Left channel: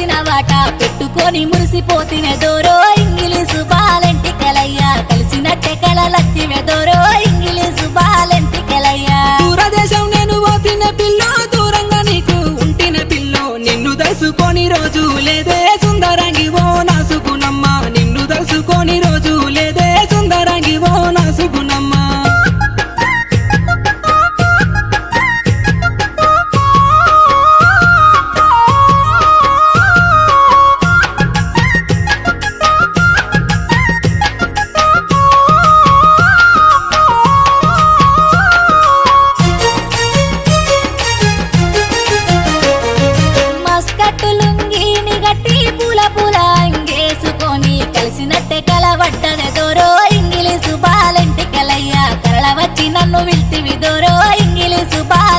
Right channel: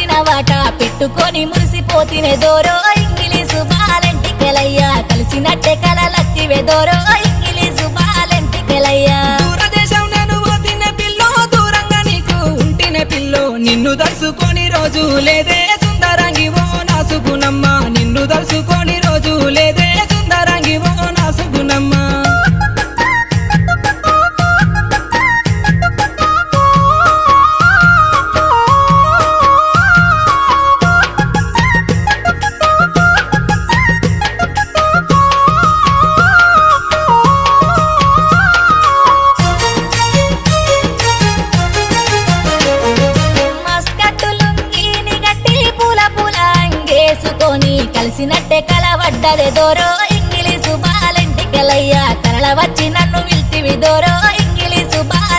వచ్చిన వాట పెట్టుకొని మురిసిపోతినే దోరో ఇంగిలీసు బాలెంటికెలయ్యా కలిసినట్టే కలలత్తివే దోరో ఇంగిలీసు బాలెంటికెలయ్యా దూరదేశం నేను పోతిన పిల్లో దూరంగా నీకు ఉంటిన పిల్లో నిన్ను దలుసుకొని రోజు లేదే సుందరంగి ఓ నా సుగుణమ్మ నిన్ను దలుసుకొని రోజు లేదే సుందరంగి ఓ నా సుగుణమ్మ కలిసినట్టే కలవడ్డదే దోరో ఇంగిలీసు బాలెంటికెలయ్యా కరళ వచ్చి నన్ను విల్తివి దోరో